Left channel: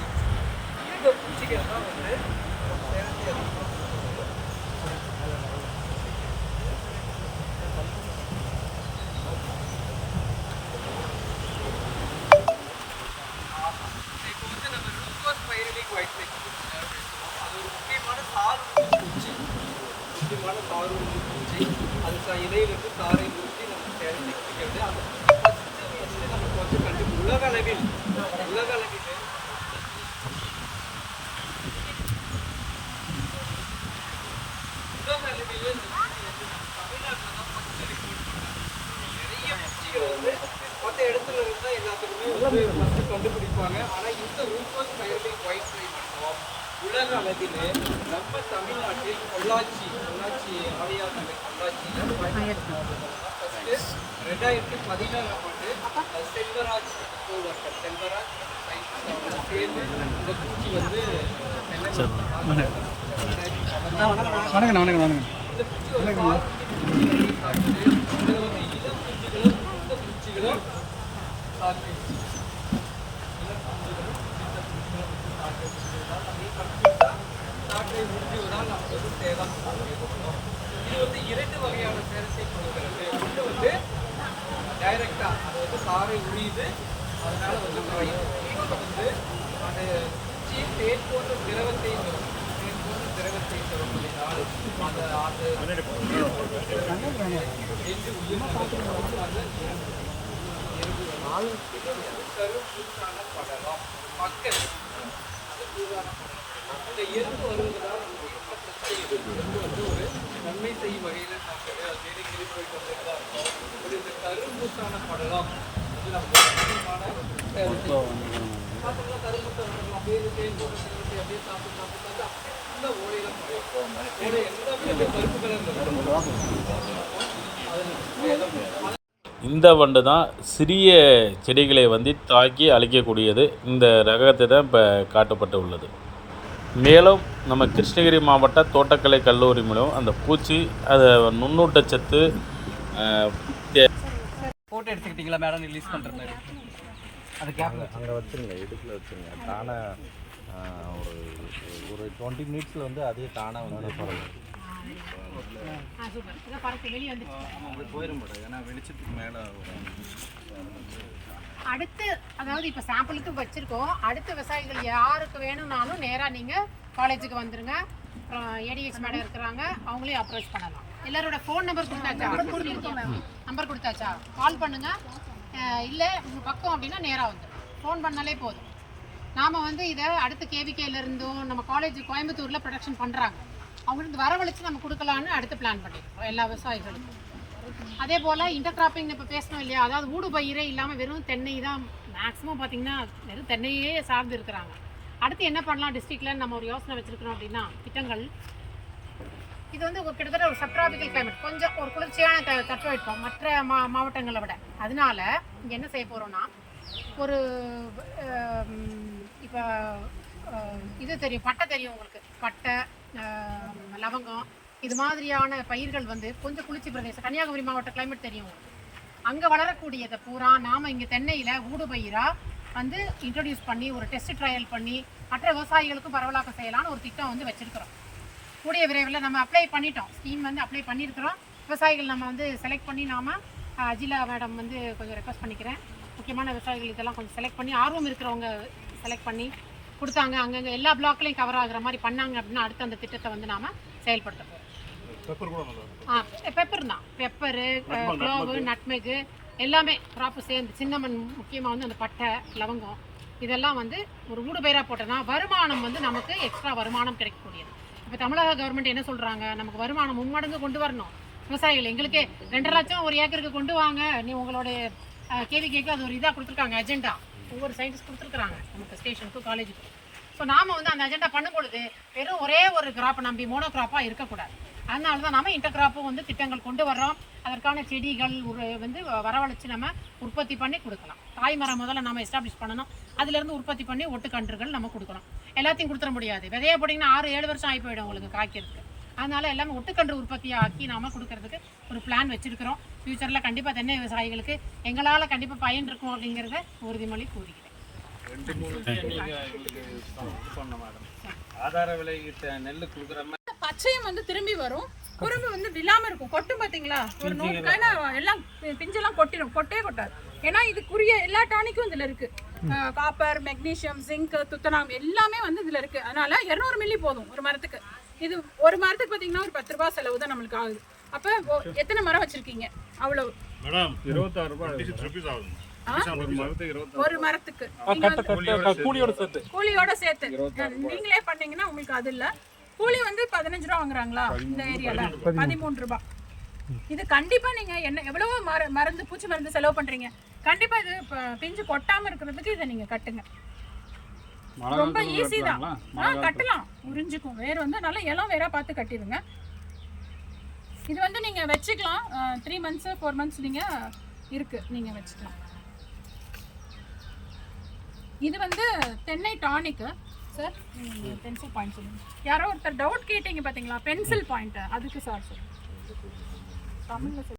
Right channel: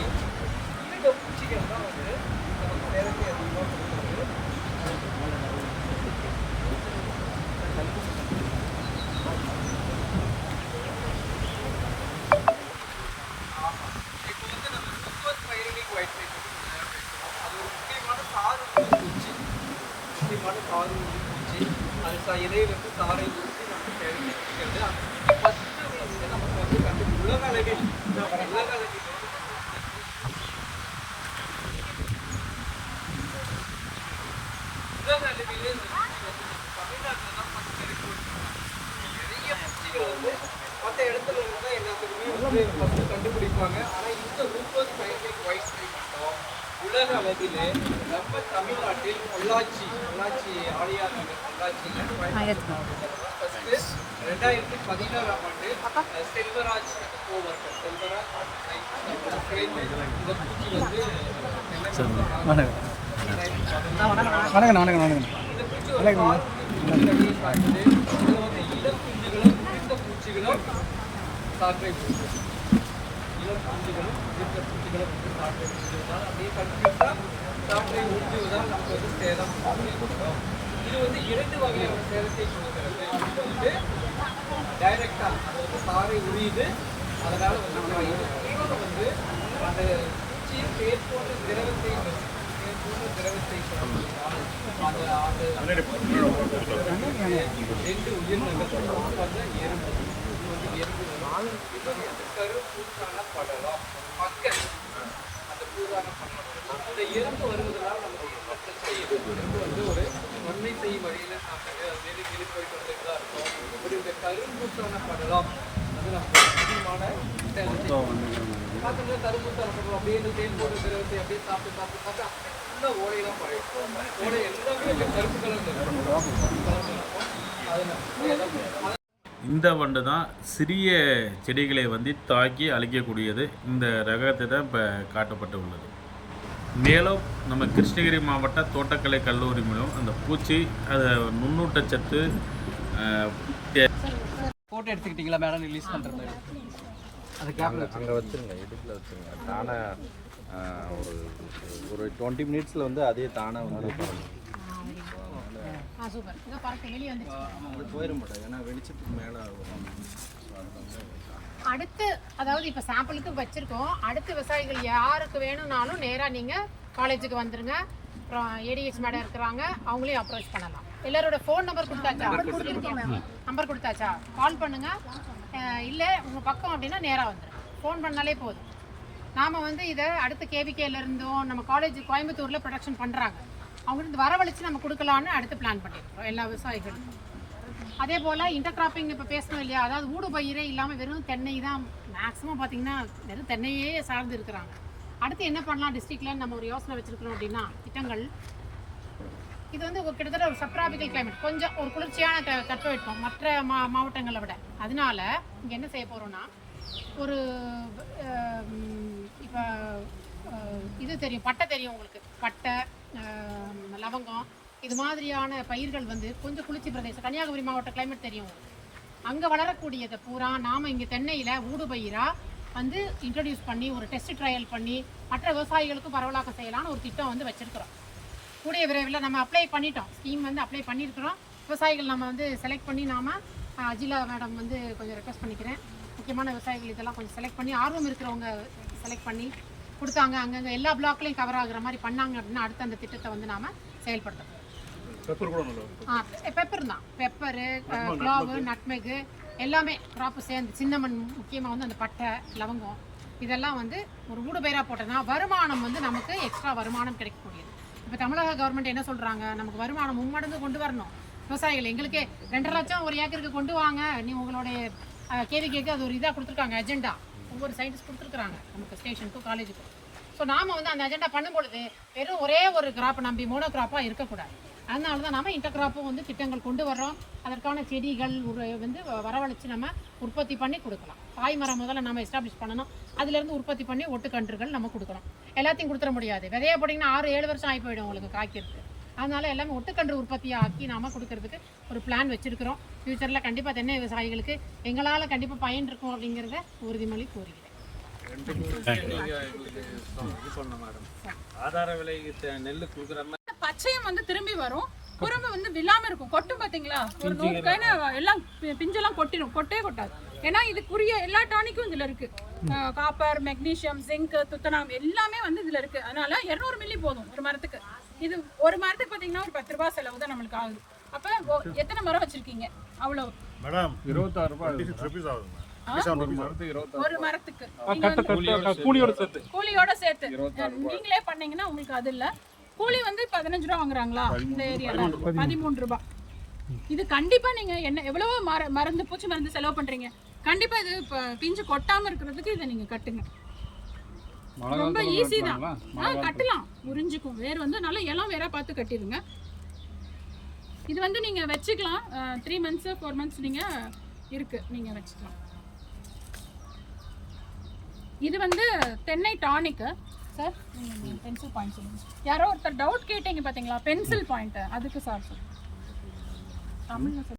ஆயிடுச்சு. இந்த பூச்சிகள் தான் வந்து நமக்கு சேதத்தை அதிகமாக கொடுக்குறது. இப்போ வந்து நம்ம ரூகோஸ் பைரலிக் ஒயிட் ஃப்ளை பற்றி கொஞ்சம் நேரம் பேசுவோம். அது ஒரு முக்கியமான தாருண்டி பூச்சி. அது இலையிலிருந்து தாரை உறுத்தி நமக்கு சேதத்தை குடிக்கிறது. அந்த ஃபஸ்ட்டு நமக்கு வந்து உலக அளவில் இந்த பூச்சி வந்து நம்ம தமிழ்நாட்டில் தான் ஃபஸ்ட்டு ரிப்போர்ட் பண்ணாங்க. நிறைய பூச்சிகள் வந்து மற்ற இடத்துல இருந்தால் எல்லாத்துக்குமே வந்து ஃபஸ்ட்டு கண்டுபிடிப்பாங்க. ஆனால் இந்த ரூகோஸ் பைரலிக் ஒயிட் ஃப்ளை மட்டும் உலக அளவில் நம்ம தமிழ்நாட்டில் பொள்ளாச்சி ஆழியார் நகர் பொள்ளாச்சியில் கோயம்புத்தூர் மாவட்டத்தில் தான் ஃபஸ்ட்டு 2014ஆம் ஆண்டு செல்வராஜ் அந்த கோவர்க்கர் செல்வராஜ் அவங்களாம் சேர்ந்து இந்த பூச்சி வந்து இந்த பூச்சி இதில் வந்து இளம் குஞ்சுகளும் இந்த பூச்சிகளும் காற்றை இளம் குஞ்சுகளும் இந்த பூச்சிகளும் வந்து காற்றை உறிஞ்சுவதால் அப்படியே கண்டிப்பாக காற்றை உறிஞ்சுவதால் நமக்கு வந்து சேதம் ஏற்படும். இது வந்து 2 வகையான சேதத்தை கொடுக்கிறது. ஒன்று வந்து டைரக்டாக அது வந்து காரை உரியுது, அதனால வந்து காயுது. இன்னொன்று வந்து அந்த பூச்சி தேன் போன்ற திரவத்தை சுரக்கும். தேன் போன்ற திரவத்தை சுரப்பதினால் அந்த தேன் போன்ற திரவத்திற்கு 2 உயிரினங்கள் வரும். ஒன்று வந்து எறும்பு வரும், இன்னொன்று வந்து கரும்பூசான படலம், ஒரு பங்கஸ். அந்த பூசான படலம் வரும். இந்த எறும்பு வருவதனால் நமக்கு எந்த பிரச்சனையும் இல்லை. எறும்பு வந்து ஒரு நன்மை செய்யும் வகையில் சாப்பிடுது, அது மேலே கிளி போயிட்டு வந்துட்டு தான் இருக்கும். பட் இந்த கரும்பூசான படலம் வந்து நமக்கு ஒரு முக்கியமான சேதத்தை பார்த்தோம்னா கரும்பூசான படலம் அப்படியே இந்த தேன் போன்ற திரவத்தை அப்படியே சாப்பிட்டு அப்படியே ஃபுல்லாக ஓடையெல்லாம் குறையும். ஓடை எல்லாமே அப்படியே கருப்பு கலரில் இருக்கும். அது நமக்கு சேதம். இந்த வண்டு தான் சிறிய செடிகளை வந்து தாக்கி அழிக்கக்கூடியது. இந்த ரகத்தை தான் இப்போ காட்டப்பட்டு உள்ளது. மேலும் நம்ம கிருஷ்ணகிரி மாவட்ட தோட்டக்கலை கல்லூரி மூலம் அந்த பூச்சி அதை நுண்ணூட்டச்சத்து ஃபோட்டோ எடுத்துக்கிட்டீங்களா மேடம்? ரிலீஸ் பண்ணுறது அது கேப்பில் அங்கே வச்சுருங்க, இடுப்பில் வச்சுருங்க. தானாக ஒரு 20 மினிட்ஸில் வந்து அதே தானாக வந்து போயிடும் போது. ஏன்னா வெளிச்சத்துக்கு மேலே வரும். அதில் வந்து அடுத்து அதாவது இப்போ சாம்பிளுக்கு வச்சுருக்கோம். அடுத்து விவசாயிகள் யாருக்கு வேணும்னாலும் நேராக நீங்கள் காலேஜுக்கு வந்துடுங்க. அப்புறம் ஏடிஎஸ் மேடம் இருக்கிறாங்க, அவங்களையும் அப்ரோச் பண்ணலாம். எல்லாரோட ஃபோன் நம்பர் கொடுத்தாச்சா? கால் பண்ணுங்கள். இல்லை உங்கள் பக்கம் அப்படின்னா நேராக வந்துடும். ஃபோன் பண்ணாலே போதும். நாம் வந்து இதை அடுத்த கேவிகேலேருந்தும் நம்ம காலேஜ் கோயம்புத்தூரில் ப்ரொடக்ஷன் பண்ணுறாங்க, அவங்களுக்கு வரவழைச்சு நம்ம கொடுக்கலான்னு அடுத்து பிளான் பண்ணியிருக்கோம் எல்லா விவசாயிகளுக்கும். அதே போல் இன்டர்கிராப்பிங் இப்போ பேசணும் இல்லையா, அதாவது ஊடு பயிரே இல்லாமல் வெறும் தென்னை தான் மேக்ஸிமம் பார்த்திங்கன்னா வெறும் தென்னையே சார்ந்து இருக்கிறாங்க. அடுத்து என்ன பண்ணலாம் டிஸ்ட்ரிக்டில் நம்ம ஒரு யோசனை வச்சுருக்கிறோம் அப்படின்னா திட்டங்கள். இது வந்து ஒரு கிட்டத்தட்ட ஒரு சப்ட்ராபிக்கல் கிளைமேட், கொஞ்சம் ஒரு குளிர்ச்சியான தட்பவெப்பம் மற்ற மாவட்டங்களை விட. அதனால இங்கே என்ன செய்ய போகிறோன்னா ஒரு இப்போ இது தெரியும், பட்டை தெரியும் உங்களுக்கு, பட்டை லவங்கம் இது மாதிரியான பயிர்கள் வந்து கொஞ்சம் குளிர்ச்சி பிரதேசம், கன்னியாகுமரி மாவட்ட கிளைமேட் தெரியும் உங்களுக்கு, அங்கே வளரக்கூடியதை பூரா நாம் இங்கே தென்னையில் ஊடு பயிராக வந்து இன்ட்ரடியூஸ் பண்ணி ஒரு டெஸ்ட் ட்ரையல் பண்ணி மற்ற விவசாயிகளுக்கும் பரவலாக்க செய்யலான்னு ஒரு திட்டம் வந்து வச்சுருக்கிறோம். கூடிய விரைவில் நம்ம அப்ளை பண்ணிட்டோம், ஸ்கீம் வந்து அப்ளை பண்ணியிருக்கிறோம். விவசாயிகள் நம்ம வந்து செலக்ட் பண்ணி நாம் அஜிலா மேடம் வந்து கொஞ்சம் ரெக்வஸ்ட் பண்ணிக்கிறேன், முக்கியமான விவசாயிகள் இதெல்லாம் கொஞ்சம் செலக்ட் பண்ணி ஆர்வம் இருக்கிறவங்க செலக்ட் பண்ணி கொடுத்தாங்க, அங்கங்கே எல்லா பிளாக்லையும் கவர் ஆகுற மாதிரி பண்ணாங்க அப்படின்னா அடுத்து அந்த திட்டத்தை வந்து நாம் செயல்படுத்த போகிறோம். பெப்பர் தான், பெப்பரு, க்ளோவு, நட்மெகு எல்லாமே கிராப்பு சேர்ந்து, சின்னமன் முக்கியமாக வந்து அந்த பட்டை லவங்கம் இதெல்லாம் வந்து ஒரு ஊடு பயிராக போட்டோன்னா வருமானம் வந்து நமக்கு எக்ஸ்ட்ரா வருமானம் கிடைக்கக்கூடியது. இப்போ தமிழக கவர்மெண்ட் என்ன சொல்கிறாங்க, நமக்கு வருமானம் மும்மடங்கு கொண்டு வரணும். விவசாயிகள் எங்களுக்கே 2.5 லட்சம் ஒரு ஏக்கருக்கு கொண்டு வாங்க, நீ உங்களுடைய கேவிகேக்கு அது ஒரு இதாக கொடுத்துருக்காங்க, அஜெண்டா ஒவ்வொரு சயின்டிஸ்ட் கொடுத்துருக்குறாங்க நமக்கு ஸ்டேஷனுக்கும் காலேஜுக்கும். ஸோ நாம் வந்து அந்த அஜெண்டா பண்ணும்பொழுது வெறும் ஒரே ஒரு கிராப்பை நம்பி மோனோ கிராப்பாக இருக்கக்கூடாது. அதனால தான் நம்ம இன்டர் கிராப்பும் வந்து திட்டங்கள் கொண்டு வர்றோம். அதற்கான செடிகள் ஒரு வந்து வரவழைச்சு நம்ம உற்பத்தி பண்ணி கொடுக்கலாம். தாய்மரம் முதல்ல நம்ம எஸ்டாப்ளிஷ் பண்ணணும், அதுலேருந்து உற்பத்தி பண்ணி ஒட்டுக்கன்றுகள் நம்ம கொடுக்கணும். எல்லாத்தையும் கொடுத்துட முடியாது, விதையா போட்டிங்கன்னா 6-7 வருஷம் ஆகி போயிடும் உங்களுக்கு காய்க்கிறதுக்கு. அதனால் எல்லாமே ஒட்டுக்கன்று உற்பத்தியை ஆக்கி நாம் கொடுக்கறதுக்கு ஒரு பிளான் வச்சுருக்கிறோம். ஃப்யூச்சரில் கண்டிப்பாக தென்னை விவசாயிகளுக்கு எங்களால் கண்டிப்பாக பயன் இருக்கும் அப்படிங்கிறத உறுதிமொழி கூறுகிறேன். ஆதார விலை நெல் கொடுக்குற மாதிரி பச்சையும் வந்து திரும்பி வரும், குறும்பு வந்து விழாம இருக்கும். கொட்டும் பாத்தீங்களா, ஒரு 100 காய்னா எல்லாம் பிஞ்செல்லாம் கொட்டிடும், கொட்டவே கொட்டாது. ஏன்னா இதுக்குரிய எல்லா டானிக்கும் இதுல இருக்கு. காப்பர், மெக்னீசியம், ஜிங்க், துத்தநாகம் எல்லாமே வந்து இதுல இருக்கு. அதனால 200 மில்லி போதும் ஒரு மரத்துக்கு. இது ஒரு மரத்துக்கு பாத்தீங்கன்னா ஒரு 10 ரூபாய் செலவு தான் நம்மளுக்கு ஆகுது. அப்ப எத்தனை மரம் வச்சிருக்கீங்க? அவ்வளவு மேடம் 26 ரூபாய் ஆகுது. ஒரு மரத்துக்கு 26 ஒரு மரத்துக்கு நீங்க வந்து கூலியோட சேர்த்து நீங்களே பண்ணீங்கன்னா உங்களுக்கு அது இல்ல. கூலி வந்து 15 ரூபா வாங்குறாங்களா இந்த ஏரியால? 13 ரூபாய். இது கண்டிப்பா நீங்க என்ன எவ்வளவோ மருந்து, பூச்சி மருந்து செலவு பண்றீங்க. கண்டிப்பா இது பிஞ்சு கொட்டாம இருக்கிறதுக்கு இதை நீங்க கட்டுங்க. ரொம்ப ஈஸி தான். கட்டலாம், உறிஞ்சிக்கும். வேர் வந்து நல்ல இளம் வேரா பார்த்து கட்டிடுங்க. இது வந்து நீங்க வச்சுக்கலாம். 3 months 4 months நீங்க இருக்கு, நீங்க வச்சுக்கலாம். இது வந்து தென்னை டானிக் சார். பென்சில் பாயிண்ட் சொல்லுங்க. யாரோ ஒருத்தர் டவுட் கேட்டீங்க பாத்தீங்களா, பென்சில் பாயிண்ட், அதுக்கு சார் சொல்லுங்க தமிழ்ல.